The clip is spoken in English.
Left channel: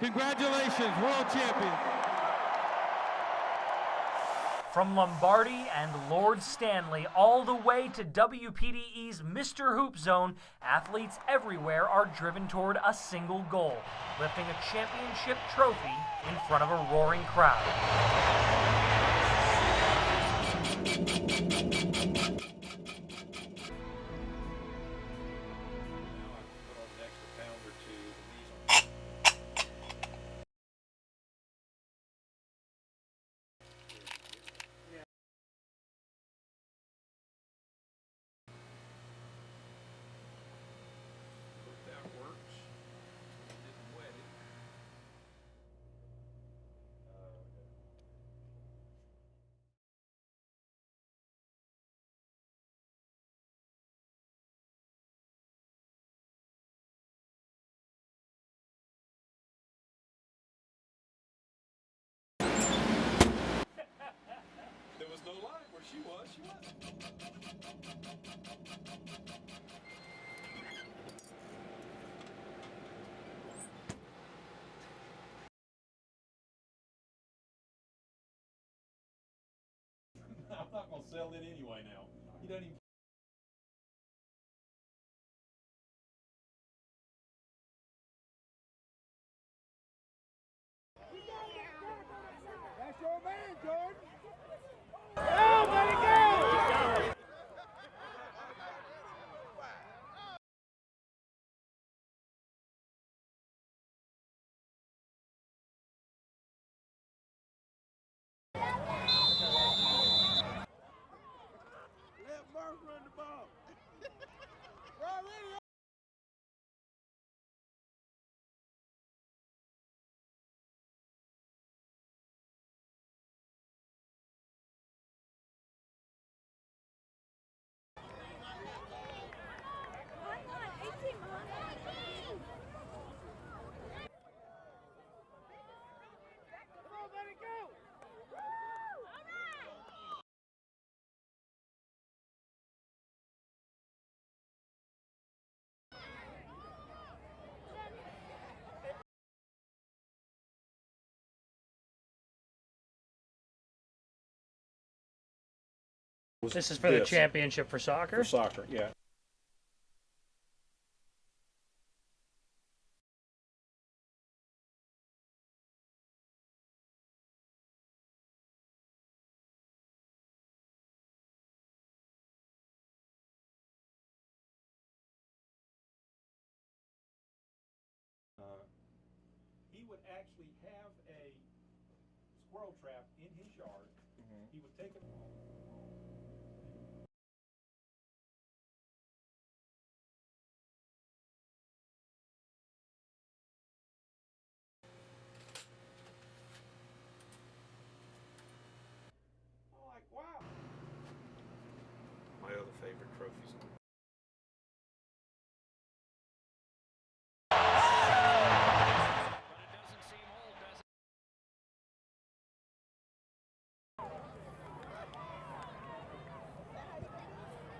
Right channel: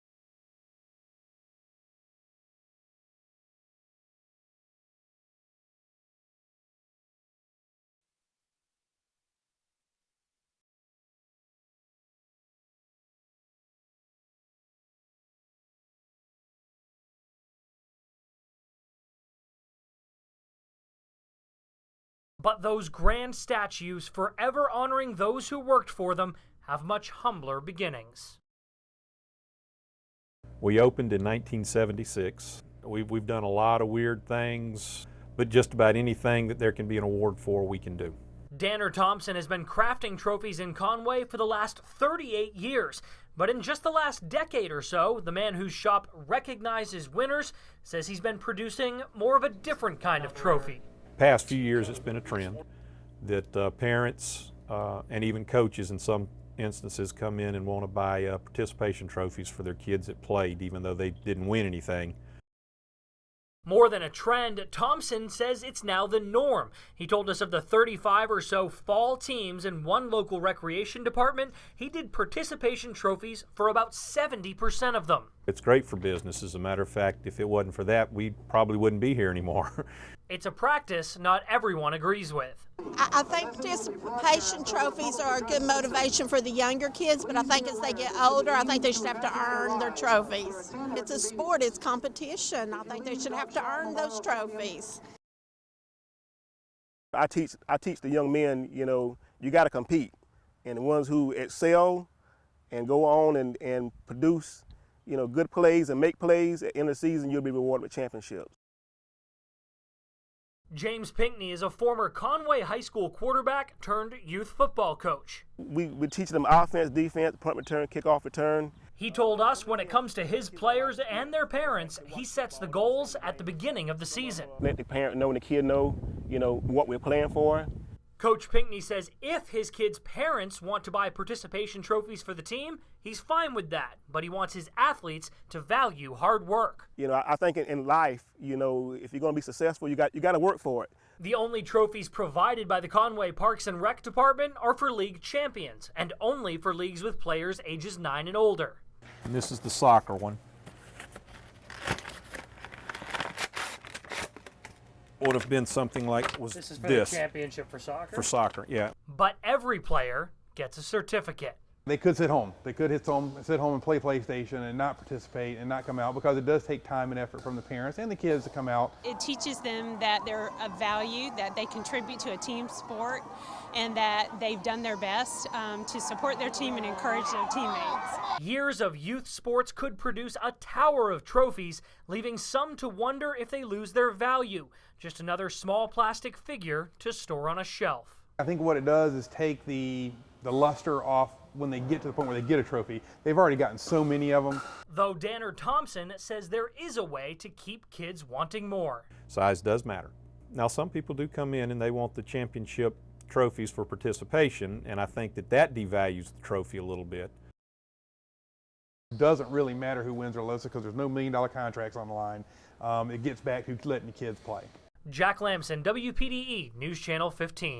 Congratulations, world champion. From Lombardi and Lord Stanley all the way to WPDE's Mr. Hoop Zone, athletes everywhere are driven toward a single goal, lifting a championship trophy in front of a roaring crowd. But those grand statues, forever honoring those who worked for them, have much humbler beginnings. We opened in 1976. We've done a lot of weird things, but just about anything that there can be an award for, we can do. Danner Thompson has been crafting trophies in Conway for the last 38 years. But in just the last decade or so, the man whose shop recognizes winners says he's been producing more of a different kind of trophy. Past few years, it's been a trend that parents and even coaches in some instances come in and want to buy participation trophies for their kids that played, even though they didn't win anything. More than a trend, Thompson says it's now the norm. He told us of the 35 or so fall teams in one local recreation department. He did participation trophies for about 70% of them. It's great for business. As a matter of fact, if it wasn't for that, we probably wouldn't be here anymore. It's a practice not everyone agrees with. I think participation trophies are a good motivation for the younger kids, but I think as they get older, I think they should have to earn their trophies. It's a sport, it's competition. I think they should have to earn those trophies. I teach the young men, you got to compete. And the ones who excel and go on and produce, good plays and make plays, at the end of the season, you'll be rewarded with championships. James Pinkney is a former Conway High School quarterback turned youth football coach. We teach them offense, defense, punt return, kickoff return. He told us when it comes to his players and their parents, he sets the goals at the beginning of the season. Let the parent know and the kid know, what we're playing for. Coach Pinkney says if his kids' parents want to buy participation trophies for the team, he's fine with that, but he wants his athletes to value hard work. I think in life, if you're going to be successful, you got to work for it. The only trophies provided by the Conway Parks and Rec Department are for league champions, and only for leagues with players ages 9 and older. And this is the soccer one. Would have been something like This is for the championship for soccer? For soccer, yeah. But every player gets a certificate. They could sit home. They could sit home and play PlayStation and not participate and not come out, because it does take time and effort from the parents and the kids to come out. It teaches them that they're of value, that they contribute to a team sport, and that they've done their best to support their team and encourage their teammates. Years of youth sports could produce a tower of trophies, leaving some to wonder if they lose their value. Just another small plastic figure to store on a shelf. I think what it does is take the luster off when they get to the point where they get a trophy. They've already gotten so many of them. Though Danner Thompson says there is a way to keep kids wanting more. Size does matter. Now, some people do come in and they want the championship trophies for participation, and I think that devalues the trophy a little bit. It doesn't really matter who wins or loses, because there's no $1 million contracts on the line. It gets back to letting the kids play. Jack Lamson, WPDE News Channel 15.